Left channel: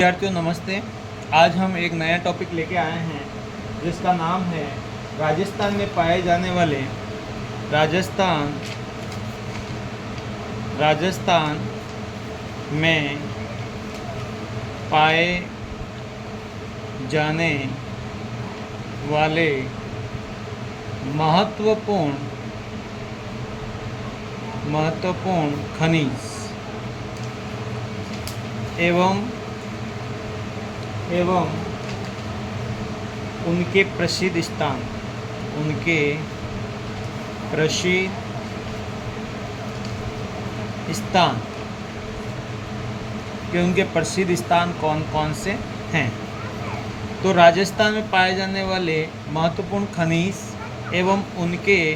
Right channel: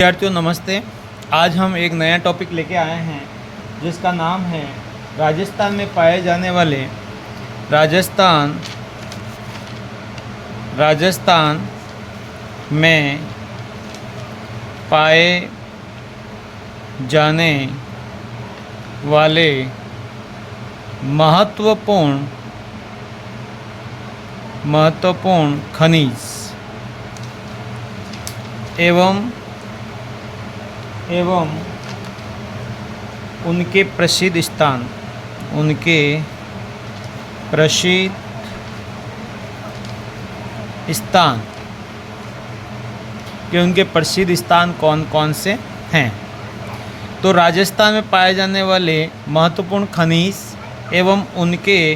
विद्यार्थियों नमस्ते। आज हम एक नया टॉपिक लेके आए हैं जिसका नाम है राजस्थान में पाए जाने वाले राजस्थान में पाए जाने वाले महत्वपूर्ण खनिज एवं उनके प्रसिद्ध स्थान उनके प्रसिद्ध स्थान कौन कौन से हैं। तो राजस्थान में पाए जाने वाले महत्वपूर्ण खनिज एवं उनके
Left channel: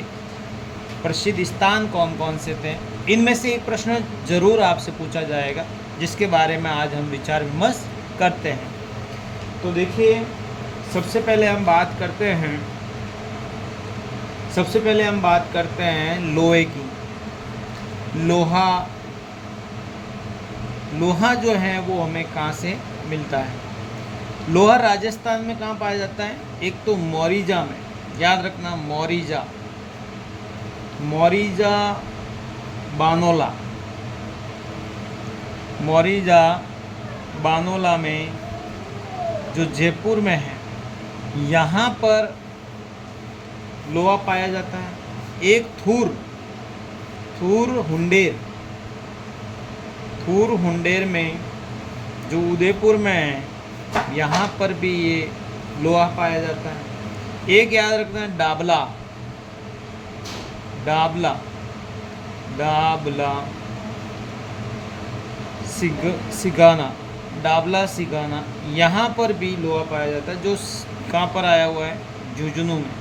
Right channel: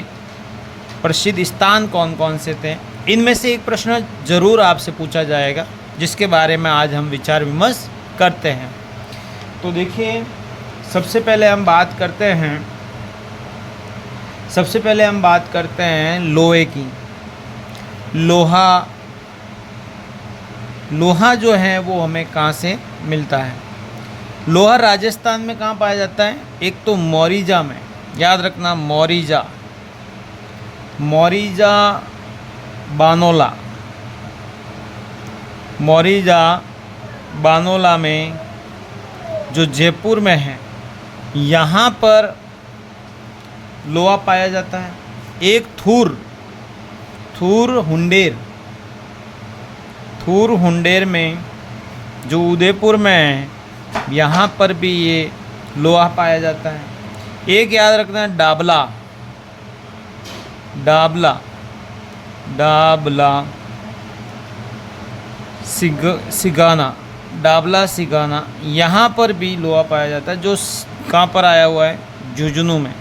प्रसिद्ध स्थान कौन कौन से थे, इनमें से एक प्रश्न जरूर आपसे पूछा जाएगा जिसके बारे में आज हम विचार विमर्श करते हैं। तो देखिए, सबसे पहले हम बात करते हैं लोहे की। लोहा जो है वो हमें कहाँ से मिलता है। लोहा राजस्थान में कहाँ पाया जाता है? एक तो मोरीजा में, याद रखना, मोरीजा बानोला में जो जयपुर में है, यहाँ पर लोहा पाया जाता है। एक थूर हुंडेर में जो उदयपुर में है, यहाँ पर भी ये लोहा पाया जाता है। एक याद रखना है डाबला सिगाना, यहाँ पर भी लोहा पाया जाता है। जो कहाँ पर आया हुआ है? झुंझुनू में,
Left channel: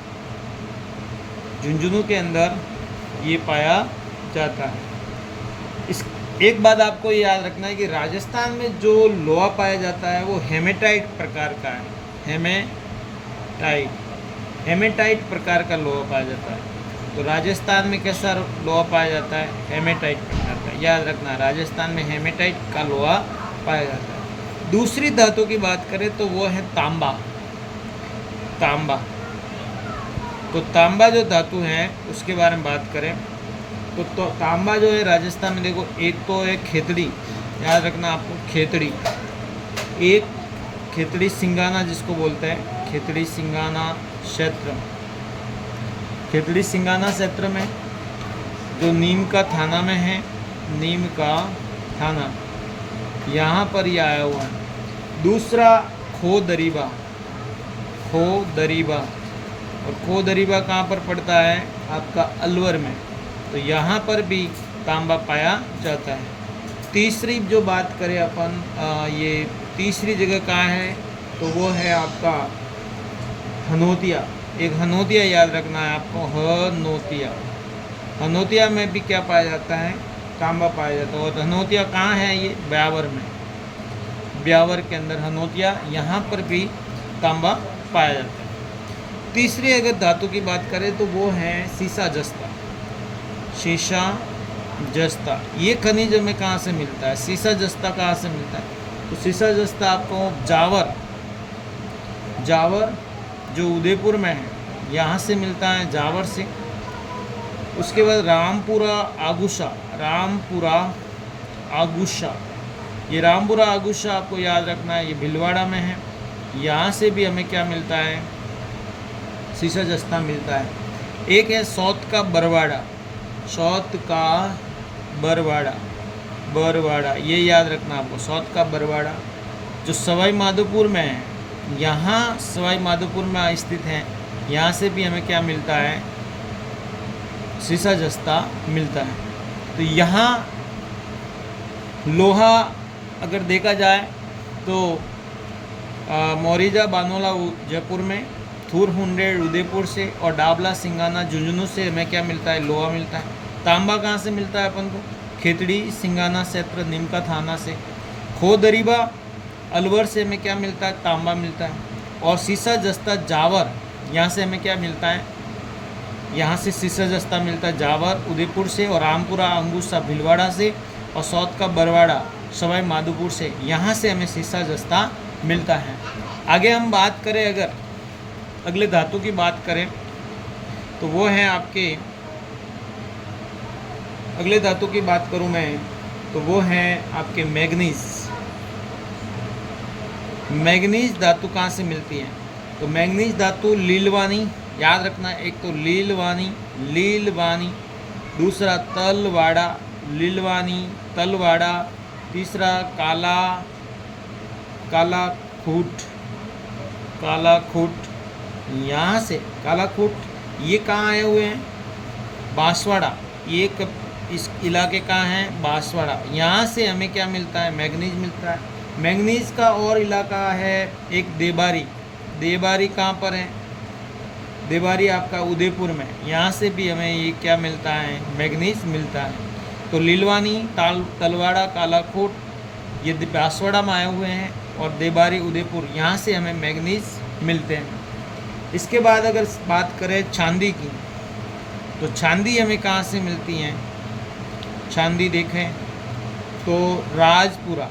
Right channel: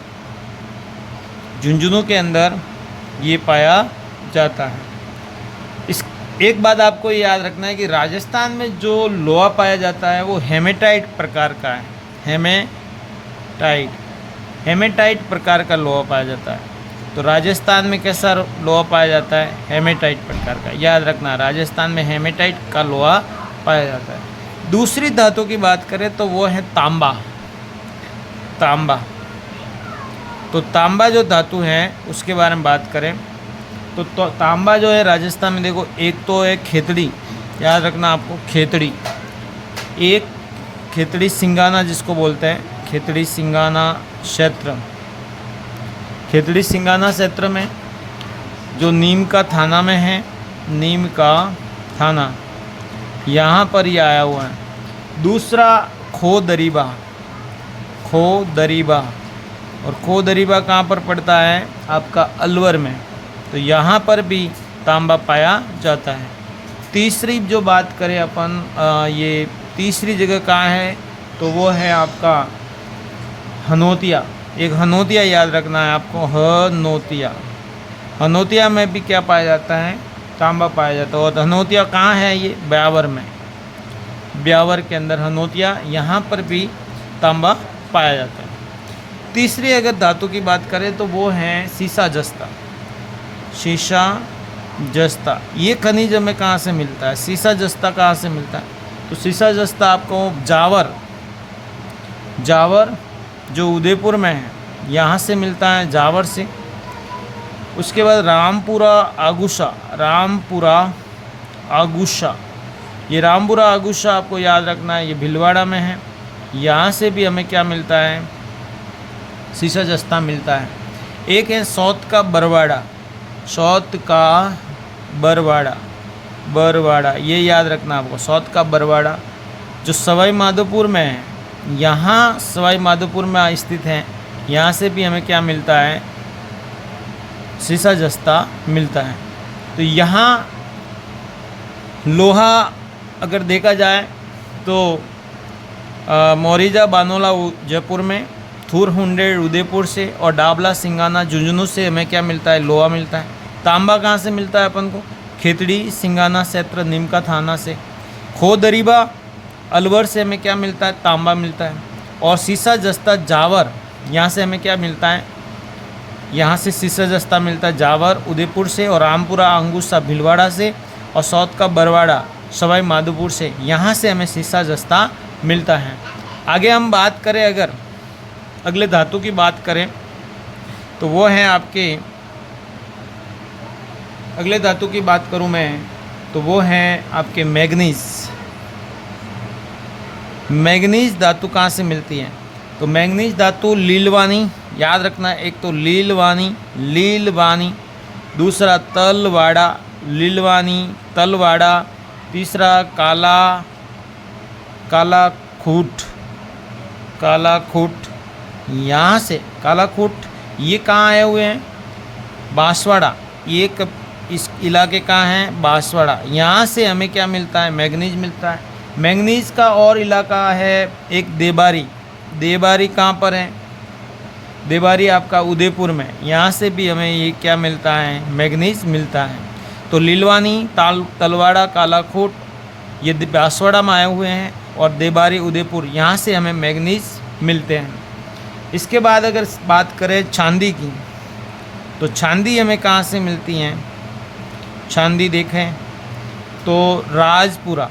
झुंझुनू के अंदर ये पाया जाता है। इस एक बात आपको याद रखना है कि राजस्थान में जो लोहा पाया जाता है वो हेमेटाइट प्रकार का है। हेमेटाइट प्रकार का लोहा पाया जाता है। तो राजस्थान में कैसा लोहा पाया जाता है? हेमेटाइट प्रकार का। याद रखना, राजस्थान में हेमेटाइट का लोहा पाया जाता है। दूसरी धातु की बात करें तो वो है तांबा। तो तांबा जो धातु है उसके बारे में बात करें तो तांबा जो है राजस्थान में, देखो, एक तो है खेतड़ी, याद रखना आपको, एक खेतड़ी सिंगाना जिसको बोलते हैं, खेतड़ी सिंगाना क्षेत्र में जो नीम का थाना में है, यहाँ पर ये आया हुआ है। दूसरा खो दरीबा कहाँ पर पड़ता है? आपका अलवर में। तो यहाँ पर भी तांबा पाया जाता है। तीसरी जो बात करें अपन, ये तीसरी जगह कहाँ है? तो वो है आपका हनोतिया। एक हनोतिया याद रखना है आपको, हनोतिया में भी क्या पाया जाता है? तांबा पाया जाता है। और हनोतिया कहाँ है? ये ब्यावर के अंदर हनोतिया, यहाँ पर भी तांबा पाया जाता है। तीसरी अगर धातु की बात करें तो वो है सीसा जस्ता। ये खनिज हमें कहाँ से मिलता है? सीसा जस्ता कहाँ से मिलता है? तो सीसा जस्ता आपको जावर जो उदयपुर में है, यहाँ से मिलता है, जावर से। उसके बाद रामपुरा आगुशा आपको याद रखना है, ये भीलवाड़ा में है। यहाँ से भी हमें क्या मिलता है? सीसा जस्ता मिलता है। एक है सौत का बरवाड़ा, ये याद रखना आपको, सौत का बरवाड़ा जो सवाई माधोपुर में है, यहाँ सवाई माधोपुर में स्थित है। यहाँ से भी हमें क्या मिलता है? सीसा जस्ता मिलता है। तो यहाँ लोहा अगर देखा जाए तो मोरीजा बानोला जयपुर में, थूर हुंडेर उदयपुर से, और डाबला सिंगाना झुंझुनू से हमें क्या मिलता है? लोहा मिलता है। तांबा कहाँ से मिलता है अपन को? खेतड़ी सिंगाना क्षेत्र नीम का थाना से। खो दरीबा अलवर से हमें क्या मिलता है? तांबा मिलता है। और सीसा जस्ता जावर, यहाँ से हमें क्या मिलता है? यहाँ से सीसा जस्ता मिलता है जावर उदयपुर से, और रामपुरा अंगूसा भीलवाड़ा से, और सौत का बरवाड़ा सवाई माधोपुर से, यहाँ से हमें सीसा जस्ता मिलता है। आगे हम बात करें, अगर अगले धातु की बात करें तो वो है आपके, अगले धातु की बात करूं मैं तो वो है आपके मैग्नीज। मैग्नीज धातु कहाँ से मिलती है? तो मैग्नीज धातु लीलवानी, याद रखना, एक तो लीलवानी, दूसरा तलवाड़ा, लीलवानी तलवाड़ा, तीसरा कालाखूट, यहाँ से कालाखूट, ये कहाँ आए हुए हैं? बांसवाड़ा, ये इस इलाके का है बांसवाड़ा, यहाँ से हमें क्या मिलता है? मैग्नीज मिलता है। मैग्नीज का और इलाका है एक देबारी कहाँ पर है? देबारी आपका उदयपुर में, यहाँ से भी हमें ये क्या मिलता है? मैग्नीज मिलता है। तो लीलवानी, तलवाड़ा, कालाखूट ये बांसवाड़ा में आए हुए हैं, और देबारी उदयपुर, यहाँ से हमें मैग्नीज मिलते हैं। इसके बाद अगर बात करें चांदी की, तो चांदी हमें कहाँ से मिलती हैं? चांदी देखें तो राजपुरा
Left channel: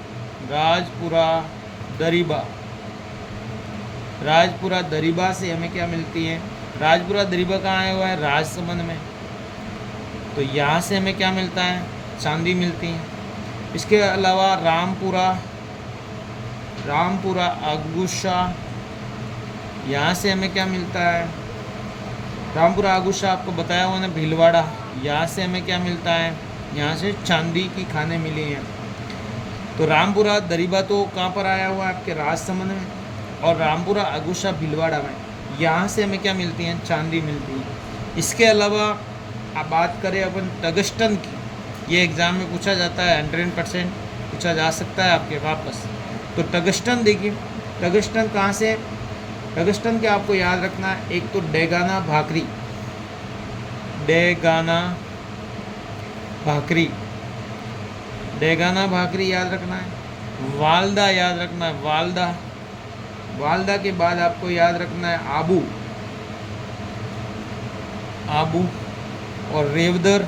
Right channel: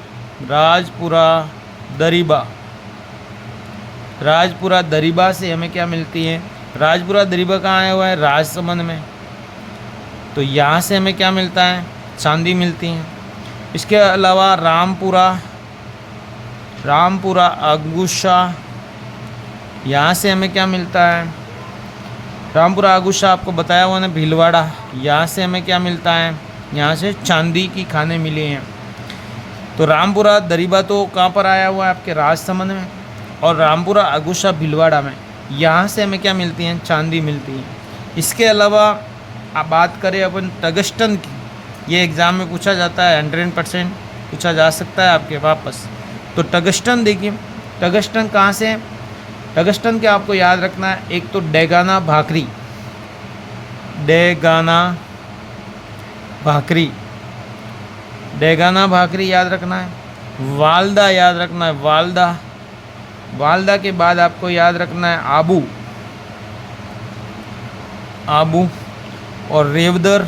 दरीबा से हमें क्या मिलती है? राजपुरा दरीबा कहाँ आया हुआ है? राजसमंद में, तो यहाँ से हमें क्या मिलता है? चांदी मिलती है। इसके अलावा रामपुरा अगुशा, यहाँ से हमें क्या मिलता है? रामपुरा अगुशा आपको बताया हुआ ना, भीलवाड़ा, यहाँ से हमें क्या मिलता है? यहाँ से चांदी की खाने मिली हैं। तो रामपुरा दरीबा तो कहाँ पर आया हुआ है? आपके राजसमंद में, और रामपुरा अगुशा भीलवाड़ा में, यहाँ से हमें क्या मिलती हैं? चांदी मिलती है। इसके अलावा आप बात करें अपन टंगस्टन की, ये एग्ज़ाम में पूछा जाता है, 100% पूछा जा सकता है आपके वापस। तो टंगस्टन देखिए, टंगस्टन कहाँ से है? टंगस्टन के आपको याद रखना है, एक तो डेगाना भाकरी याद रखना है, वालदा याद रखना है, वालदा के बाद आपको याद रखना है आबू और रेवदर।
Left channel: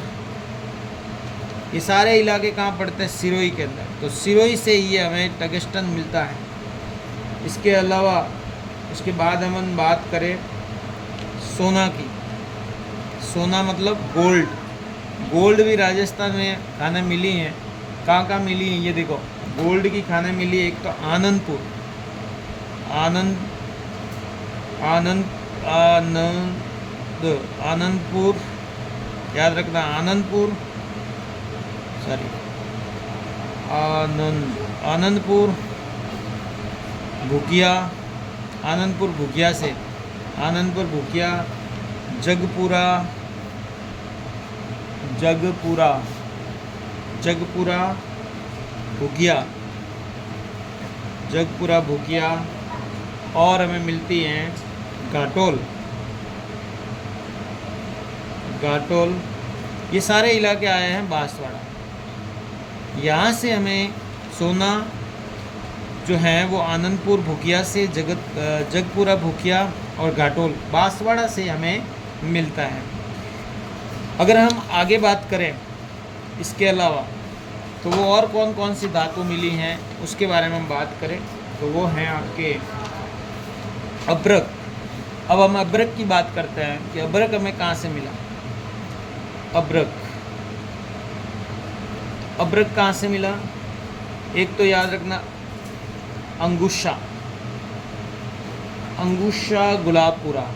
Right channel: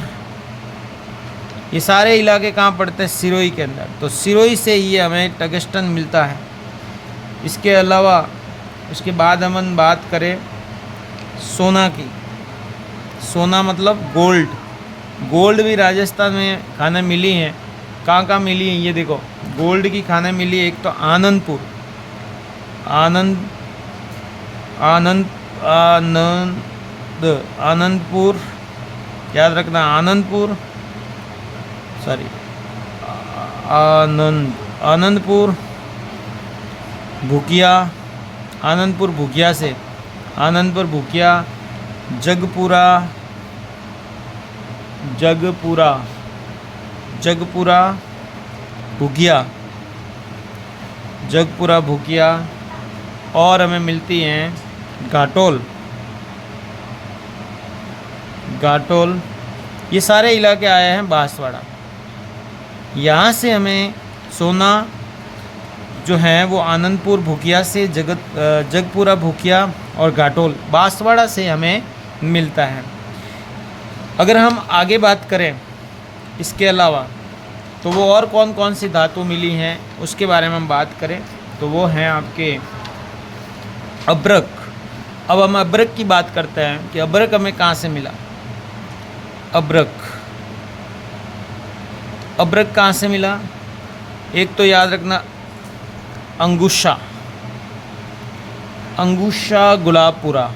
ये सारे इलाके कहाँ पड़ते हैं? सिरोही के अंदर, तो सिरोही से ही हमें टंगस्टन मिलता है। इसके अलावा उसके बाद हम बात करें सोना की, सोना मतलब गोल्ड भी राजस्थान में खाने मिली हैं। कहाँ मिली हैं? ये देखो, गोल्ड की खाने मिली है। एक तो आनंदपुर याद रखना, आनंदपुर भूकिया, जगपुरा भूकिया, और हमें मिलती हैं घाटोल। ये सारे इलाके आए हैं बांसवाड़ा। यहाँ से हमें सोना जो है वो आनंदपुर भूकिया से, जगपुरा भूकिया और घाटोल बांसवाड़ा से हमें मिलता है। अगर हम आगे बात करें इसके अलावा, तो वो और कौन कौन सी धातु मिली हैं उसके बारे में हम बात करें तो वो हैं आपके अब्रक। अब हम अब्रक की बात करते हैं कि अब्रक हमें कहाँ से मिला। अब्रक कहाँ से मिला? एक तो याद रखना अंगुशा गुलाबपुरा,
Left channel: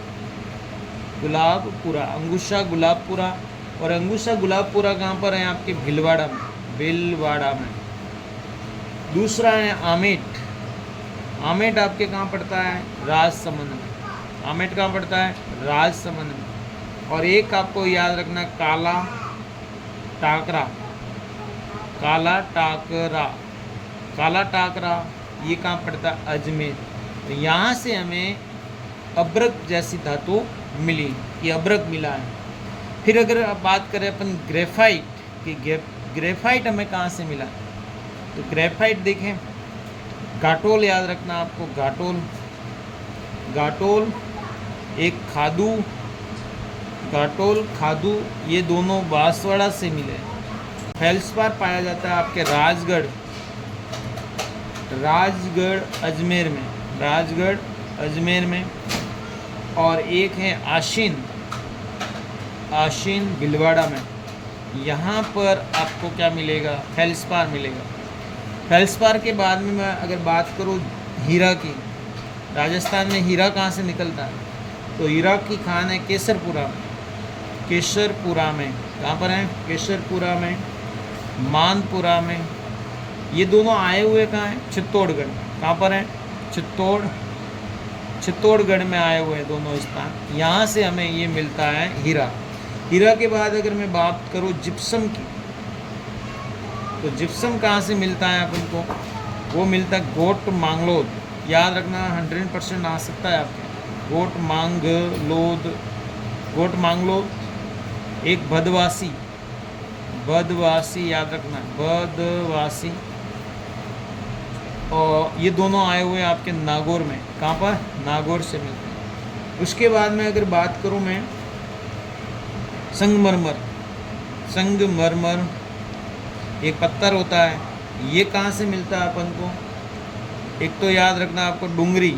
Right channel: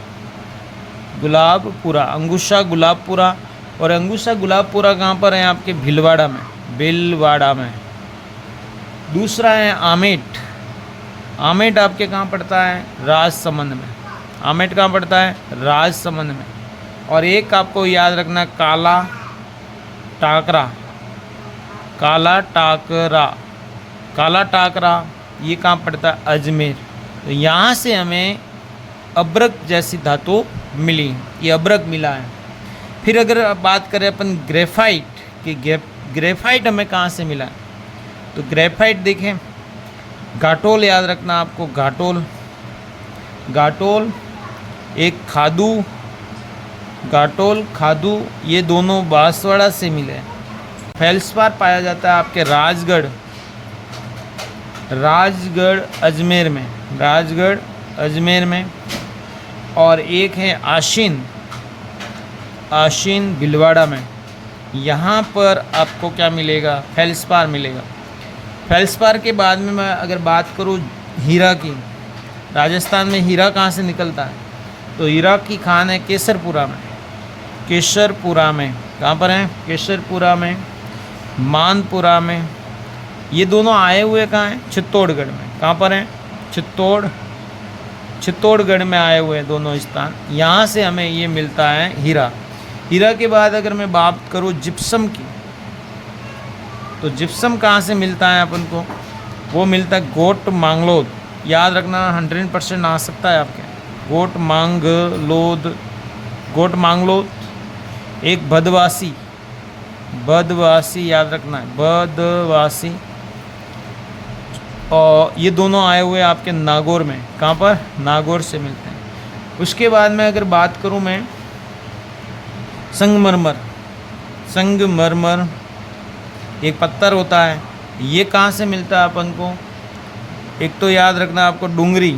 अंगुशा गुलाबपुरा। और अंगुशा गुलाबपुरा कहाँ पर है? आपके भीलवाड़ा में। दूसरा है आमेट आपके कहाँ पड़ता है? राजसमंद में। आमेट कहाँ पड़ता है? राजसमंद में। और एक आपको याद रखना काला टाकरा, ये कहाँ पड़ता है? अजमेर। तो यहाँ से हमें अब्रक जैसी धातु मिली, ये अब्रक मिला है। फिर अगर बात करें अपन ग्रेफाइट कि ग्रेफाइट हमें कहाँ से मिला, तो ग्रेफाइट देखें, घाटोल याद रखना आपको, घाटोल एक खादू, ये दोनों बांसवाड़ा से मिले। फेल्सपार पाया जाता है आपके राजगढ़ अजमेर में, राजगढ़ अजमेर में। और एक है आशीन, आशीन भीलवाड़ा में। यहाँ पर आपको क्या मिलेगा, फेल्सपार मिलेगा। फेल्सपार के बाद में मैं अगर बात करूँ हीरा की, राजस्थान में हीरा कहाँ से निकलता है, तो हीरा की खान है केसरपुरा में, केसरपुरा में। कहाँ पर है, केसरपुरा में, मानपुरा में। ये दोनों आए हुए कहाँ हैं, चित्तौड़गढ़ में। कहाँ पर हैं, चित्तौड़गढ़ में आए हुए हैं दोनों स्थान। यहाँ से हमें ये मिलता है हीरा। हीरा के बाद अगर मैं बात करूँ जिप्सम की, तो जिप्सम कहाँ से मिलता है अपन को, वो मिलता है गोट मांगलोद। याद रखना 100% आ सकता है आपके, गोट मांगलोद, गोट मांगलोद। एक बदवासी, बदवासी याद रखना है, बदवासी। और ये दोनों आए हुए आपके नागौर में। कहाँ पर, नागौर से मिलते हैं। उसके बाद में अगर बात करूँ मैं संगमरमर, संगमरमर एक पत्थर होता है, ये कहाँ से मिलता है अपन को, एक तो याद रखना आपको डूंगरी,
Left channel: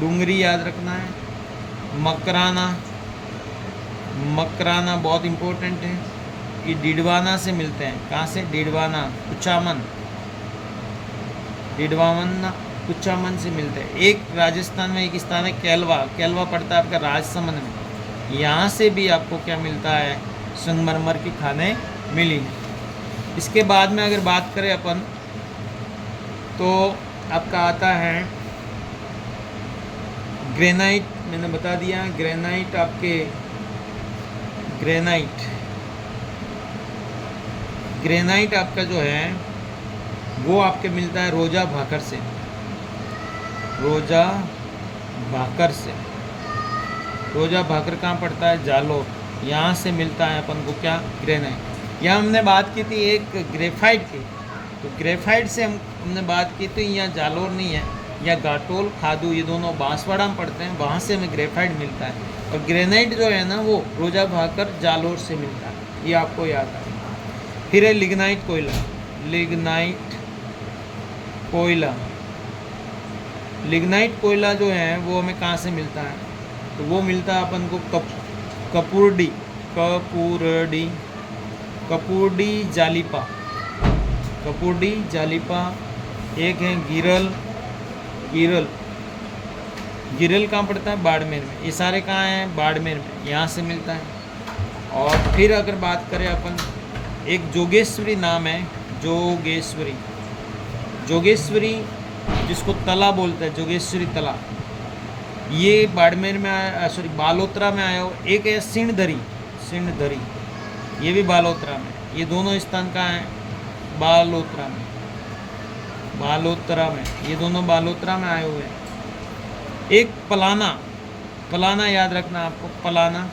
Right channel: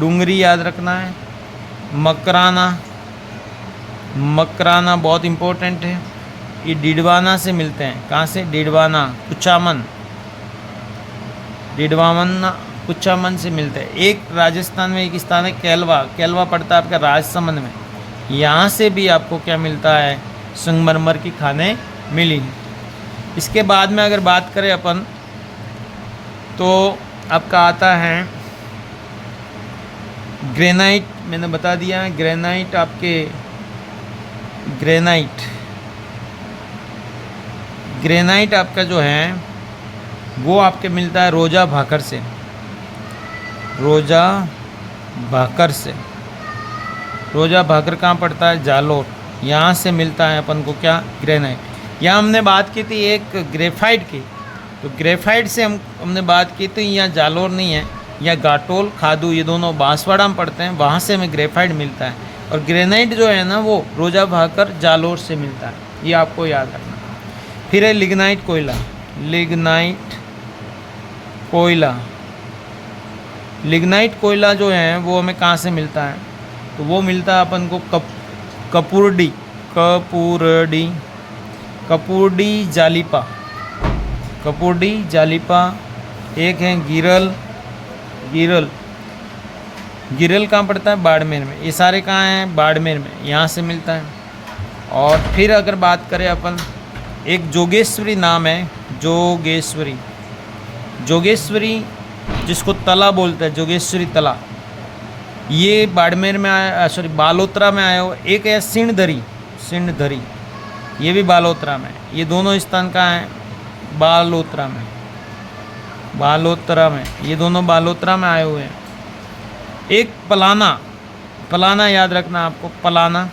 डूंगरी याद रखना है। मकराना, मकराना बहुत इम्पोर्टेंट है। ये डिडवाना से मिलते हैं। कहाँ से, डिडवाना, कुचामन, डिडवाना कुचामन से मिलते हैं। एक राजस्थान में एक स्थान है केलवा, केलवा पड़ता है आपका राजसमंद में। यहाँ से भी आपको क्या मिलता है, संगमरमर की खानें मिली हैं। इसके बाद में अगर बात करें अपन, तो आपका आता है ग्रेनाइट। मैंने बता दिया है ग्रेनाइट, आपके ग्रेनाइट, ग्रेनाइट आपका जो है वो आपके मिलता है रोजा भाकर से, रोजा भाकर से। रोजा भाकर कहाँ पड़ता है, जालोर। यहाँ से मिलता है अपन को क्या, ग्रेनाइट। यहाँ हमने बात की थी एक ग्रेफाइट की, तो ग्रेफाइट से हमने बात की थी, यहाँ जालोर नहीं है, यहाँ घाटोल, खादू, ये दोनों बांसवाड़ा में पड़ते हैं, वहाँ से हमें ग्रेफाइट मिलता है। और ग्रेनाइट जो है ना वो रोजा भाकर जालोर से मिलता है, ये आपको याद रखना। फिर है लिग्नाइट कोयला, लिग्नाइट कोयला। लिग्नाइट कोयला जो है वो हमें कहाँ से मिलता है, तो वो मिलता है अपन को कपूरडी, कपूरडी, कपूरडी जालिपा, कपूरडी जालिपा। एक है गिरल, गिरल, गिरल कहाँ पड़ता है, बाड़मेर में। ये सारे कहाँ हैं, बाड़मेर में, यहाँ से मिलता है। और फिर अगर बात करें अपन, एक जोगेश्वरी नाम है, जोगेश्वरी, जोगेश्वरी जिसको तला बोलते हैं, जोगेश्वरी तला, ये बाड़मेर में आया, सॉरी बालोतरा में आया हो। एक है सिणधरी, सिणधरी, ये भी बालोतरा में। ये दोनों स्थान कहाँ हैं, बालोतरा में, बालोतरा में, ये दोनों बालोतरा में आए हुए हैं। एक पलाना, पलाना याद रखना आपको, पलाना।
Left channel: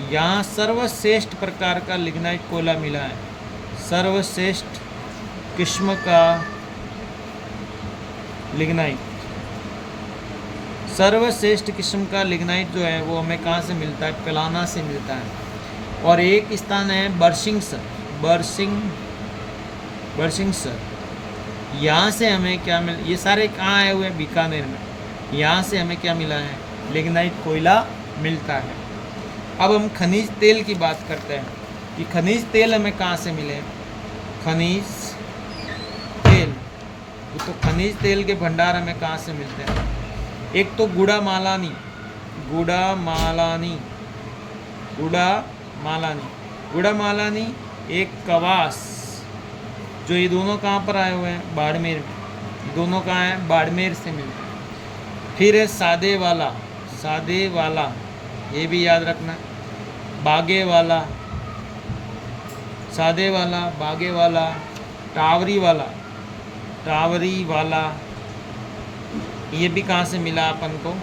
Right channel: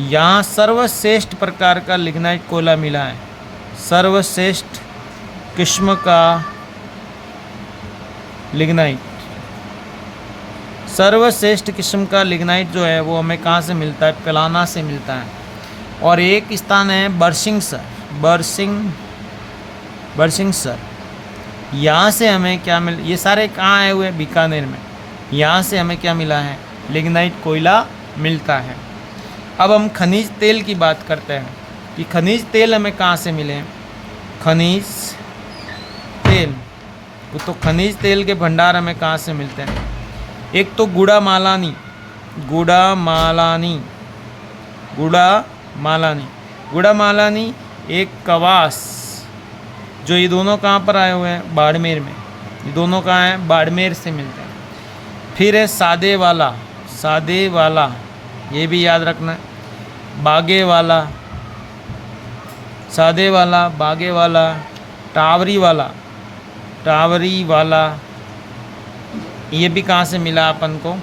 यहाँ सर्वश्रेष्ठ प्रकार का लिग्नाइट कोयला मिला है, सर्वश्रेष्ठ किस्म का लिग्नाइट, सर्वश्रेष्ठ किस्म का लिग्नाइट जो है वो हमें कहाँ से मिलता है, पलाना से मिलता है। और एक स्थान है बरसिंगसर, बरसिंगसर, यहाँ से हमें क्या मिल, ये सारे कहाँ आए हुए हैं, बीकानेर में। यहाँ से हमें क्या मिला है, लिग्नाइट कोयला मिलता है। अब हम खनिज तेल की बात करते हैं कि खनिज तेल हमें कहाँ से मिले हैं, खनिज तेल। तो खनिज तेल के भंडार हमें कहाँ से मिलते हैं, एक तो गुड़ा मालानी, गुड़ा मालानी, गुड़ा मालानी, गुड़ा मालानी। एक कवास, जो ये दोनों कहाँ पर आए हुए हैं, बाड़मेर में। ये दोनों कहाँ हैं, बाड़मेर से मिलते हैं। फिर है सादे वाला, सादे वाला, ये भी याद रखना है। बागे वाला, सादे वाला, बागे वाला, टावरी वाला, टावरी वाला, ये भी कहाँ से मिला अपन को,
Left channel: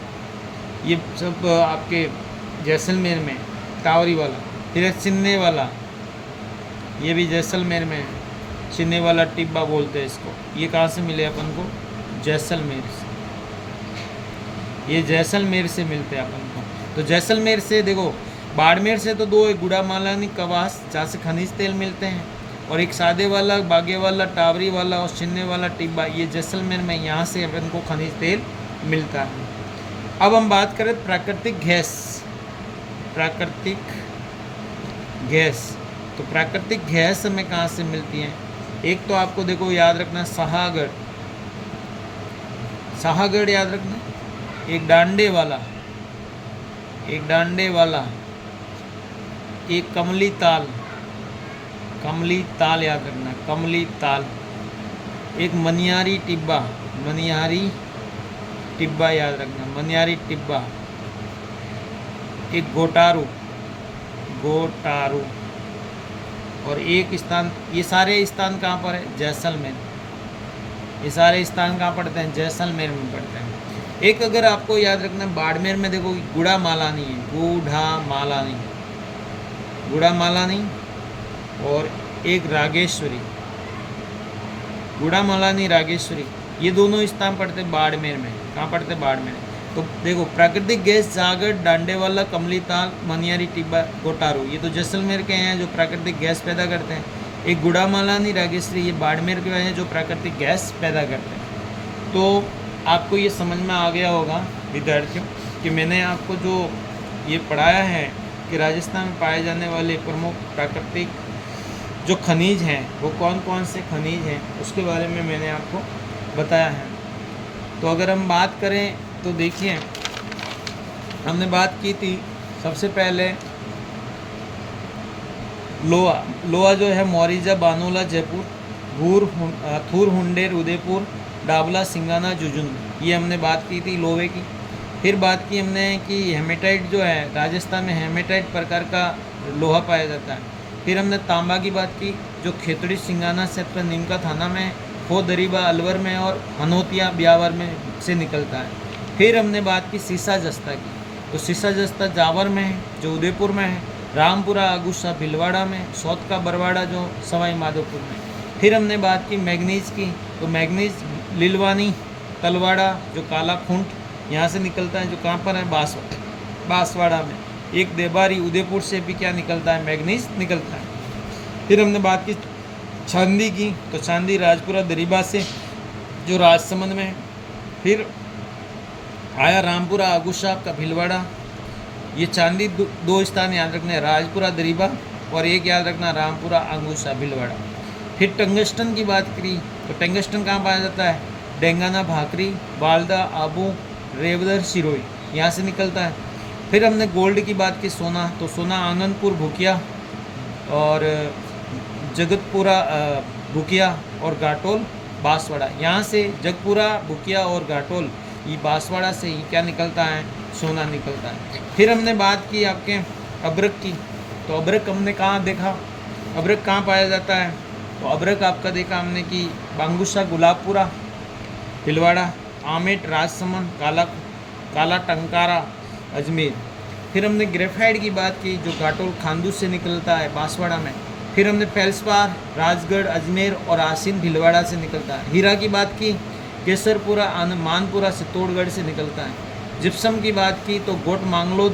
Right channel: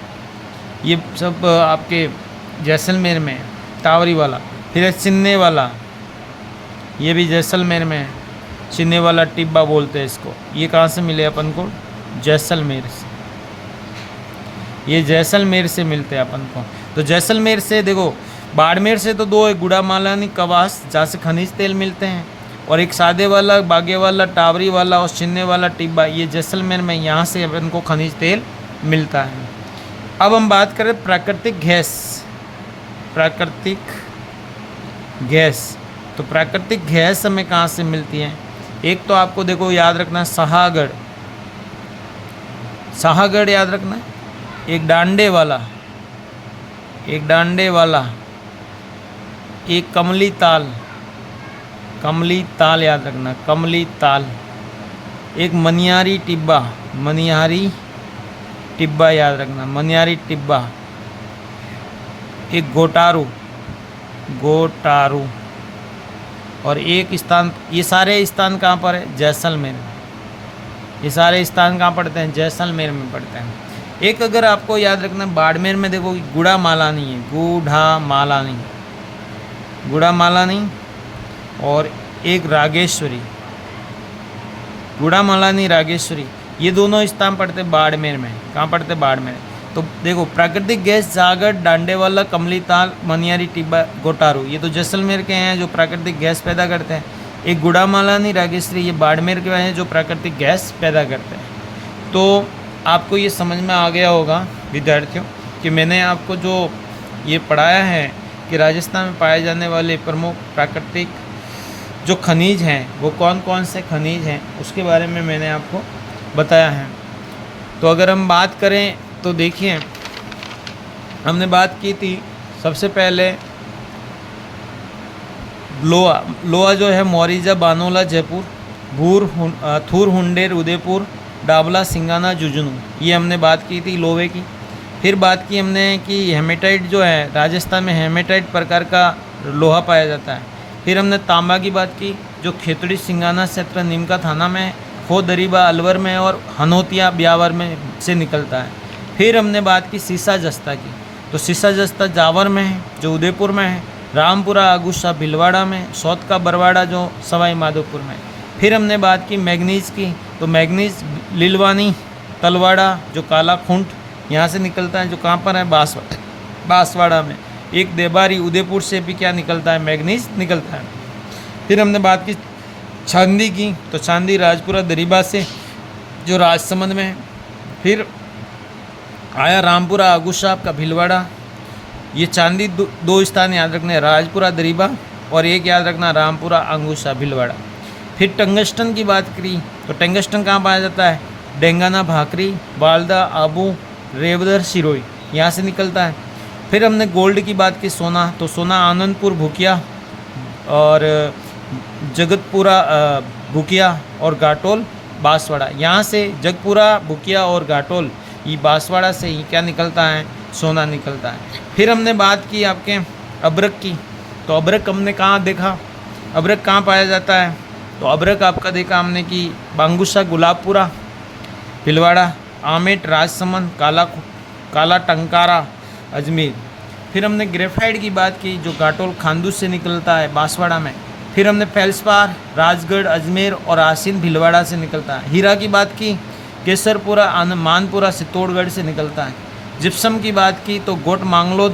ये सब आपके जैसलमेर में, टावरी वाला। फिर है चिन्ने वाला, ये भी जैसलमेर में है, चिन्ने वाला टिब्बा बोलते हैं इसको। ये कहाँ से मिले अपन को, जैसलमेर से, ये जैसलमेर से मिलते हैं अपन को। तो जैसलमेर से देखो, बाड़मेर से तो दो है, गुड़ा मालानी, कवास, जहाँ से खनिज तेल मिलते हैं। और एक सादे वाला, बागे वाला, टावरी वाला और सिन्ने वाला टिब्बा, ये जैसलमेर में यहाँ से अपन को खनिज तेल मिलता है। अब हम बात करें प्राकृतिक गैस। प्राकृतिक गैस, तो प्राकृतिक गैस हमें कहाँ से मिलती है? एक तो आपको देखो याद रखना सहागढ़, सहागढ़ याद रखना, एक डांडे वाला, एक डांडे वाला, एक कमली ताल, कमली ताल याद रखना, कमली ताल, एक मनियारी टिब्बा, मनियारी टिब्बा याद रखना, मनियारी टिब्बा, एक गोटारू, गोटारू, और एक स्थान, ये सारे स्थान कहाँ पर है? जैसलमेर। ये सारे स्थान कहाँ पड़ते हैं? जैसलमेर में पड़ते हैं। एक अगर आपको याद रखना, बाड़मेर में देखो गुड़ा मालानी है, गुढ़ा मालानी, गुड़ा मालानी, और एक रागेश्वरी, गुड़ा मालानी, रागेश्वरी, ये दोनों स्थान पड़ते बाड़मेर में। कहाँ पड़ते? बाड़मेर। तो देखो प्राकृतिक गैस सागर, डांडेवाला, कमली ताल, मनियारी टिब्बा, गोटारू, ये तो जैसलमेर के हैं जो प्राकृतिक गैस पैदा करते हैं। एक गुड़ा मालानी, रागेश्वरी, ये बाड़मेर के हैं जो प्राकृतिक गैस पैदा करते हैं। तो आपको ये समझ में आ गया होगा विद्यार्थियों कि मैंने आपको जो ये पढ़ाया है कि राजस्थान में पाए जाने वाले प्रमुख प्राकृतिक जो खनिज हैं वो कौन कौन से खनिज हैं, उसके बारे में मैंने आपको बताया है। तो अगर हम बात करें तो देखिए, हमने बात की थी सबसे पहले लोहा। लोहा जो है मोरिजा, बानोला, जयपुर, भूर, थूर, हुंडेर, उदयपुर, डाबला, सिंगाना, जुझुनू, ये हमने बात की थी लोहे की। फिर बात की हमने कि हेमेटाइट जो है, राजस्थान में हेमेटाइट प्रकार का लोहा पाया जाता है। फिर हमने तांबा की बात की जो खेतड़ी, सिंगाना क्षेत्र, नीमका थाना में, खो दरीबा अलवर में और हनोतिया ब्यावर में से निकलता है। फिर हमने बात की सीसा जस्ता की, तो सीसा जस्ता जावर में है जो उदयपुर में है, रामपुरा, आगुस्सा भीलवाड़ा में, सौत का बरवाड़ा जो सवाई माधोपुर में। फिर हमने बात की मैग्नीज की, तो मैग्नीज लिलवानी, तलवाड़ा जो काला खूंट यहाँ से निकलता है, जो कहाँ पर है? बांसवाड़ा में। एक देबारी, उदयपुर से भी क्या निकलता है? मैग्नीज निकलता है। फिर हमने बात की चांदी की, तो चांदी राजपुरा दरीबा से जो राजसमंद में है। फिर आया रामपुरा, आगुस्सा का भीलवाड़ा, ये चांदी दो स्थान याद रखने, राजपुरा दरीबा और एक याद रखना रामपुरा, आगुस्सा, भीलवाड़ा। फिर टंगस्टन की बात करी, तो टंगस्टन कहाँ पाया जाता है? डेंगाना, भाकरी, बालदा, आबू, रेवदर, सिरोही, यहाँ से निकलता है। फिर हमने गोल्ड की बात की, सोना, तो सोना आनंदपुर, भूकिया और जगतपुरा, भूकिया और घाटोल, बांसवाड़ा, यहाँ से जगपुरा, भूकिया और घाटोल, ये बांसवाड़ा से ही क्या निकलता है? सोना निकलता है। फिर हमने बात की आपके अबरक की, तो अबरक हमने कहाँ देखा? अबरक कहाँ पाया जाता है? तो अबरक आपका देखा हमने कि बांगुसा, गुलाबपुरा, भीलवाड़ा, आमेट, राजसमंद, काला टंकारा, अजमेर। फिर हमने ग्रेफाइट की बात की जो घाटोल, खानदूस से निकलता है, बांसवाड़ा में। फिर हमने फेल्सपार, राजगढ़, अजमेर और आसीन, भीलवाड़ा से निकलता है। हीरा की बात की, केसरपुरा, मानपुरा, चित्तौड़गढ़ से निकलता है। जिप्सम की बात की तो गोट, मांगलोद,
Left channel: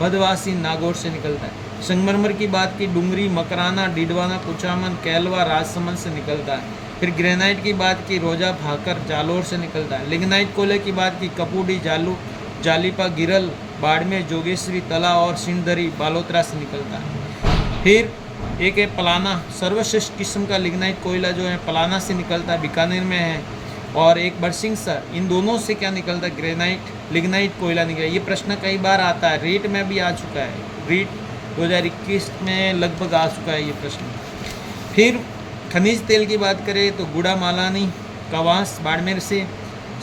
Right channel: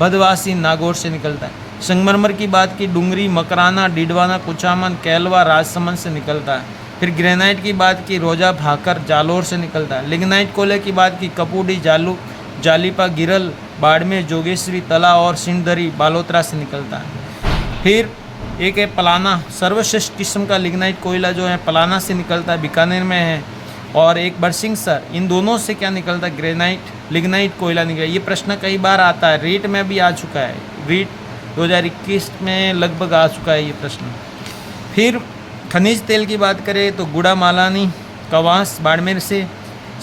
भदवासी, नागौर से निकलता है। संगमरमर की बात की, डूंगरी, मकराना, डीडवाना, कुचामन, कैलवा, राजसमंद से निकलता है। फिर ग्रेनाइट की बात की, रोजा, भाकर, जालोर से निकलता है। लिग्नाइट कोयले की बात की, कपूडी, जालीपा, गिरल, बाड़मेर, जोगेश्वरी, तला और सिंधरी, बालोतरा से निकलता है। फिर एक है पलाना, सर्वश्रेष्ठ किस्म का लिग्नाइट कोयला जो है पलाना से निकलता है, बीकानेर में है। और एक बरसिंगसर, इन दोनों से क्या निकलता है? ग्रेनाइट, लिग्नाइट कोयला निकला। ये प्रश्न कई बार आता है, रीट में भी आ चुका है, रीट 2021 में लगभग आ चुका है ये प्रश्न। फिर खनिज तेल की बात करें तो गुड़ा मालानी, कवास, बाड़मेर से,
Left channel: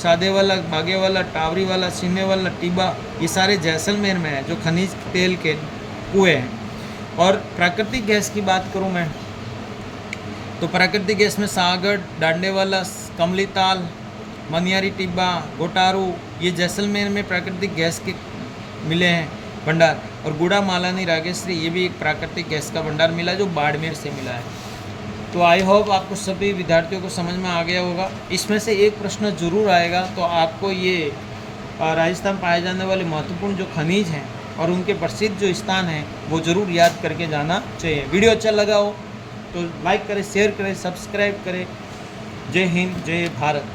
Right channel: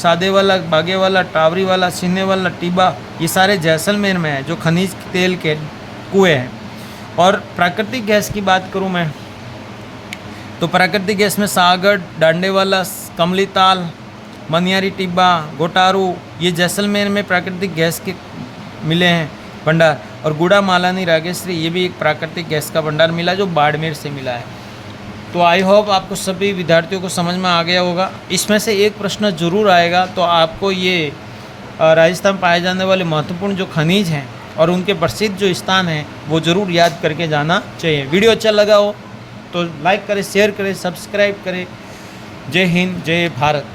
सादे वाला, बागे वाला, टावरी वाला, सिन्ने वाला, टिब्बा, ये सारे जैसलमेर में है जो खनिज तेल के कुएँ हैं। और प्राकृतिक गैस की बात करूँ मैं तो प्राकृतिक गैस में सागर, डांडेवाला, कमली ताल, मनियारी टिब्बा, गोटारू, ये जैसलमेर में प्राकृतिक गैस के मिले हैं भंडार। और गुड़ा मालानी, रागेश्वरी, ये भी एक प्राकृतिक गैस का भंडार मिला जो बाड़मेर से मिला है। तो आई होप आपको सभी विद्यार्थियों को समझ में आ गया होगा। इसमें से एक प्रश्न जरूर आएगा, तो आपको ये राजस्थान में पाए जाने वाले महत्वपूर्ण जो खनिज हैं और उनके प्रसिद्ध जो स्थान हैं वो ज़रूर याद करके जाना चाहिए। वीडियो अच्छा लगा हो तो लाइक करें, शेयर करें, सब्सक्राइब करें। जय हिंद, जय भारत।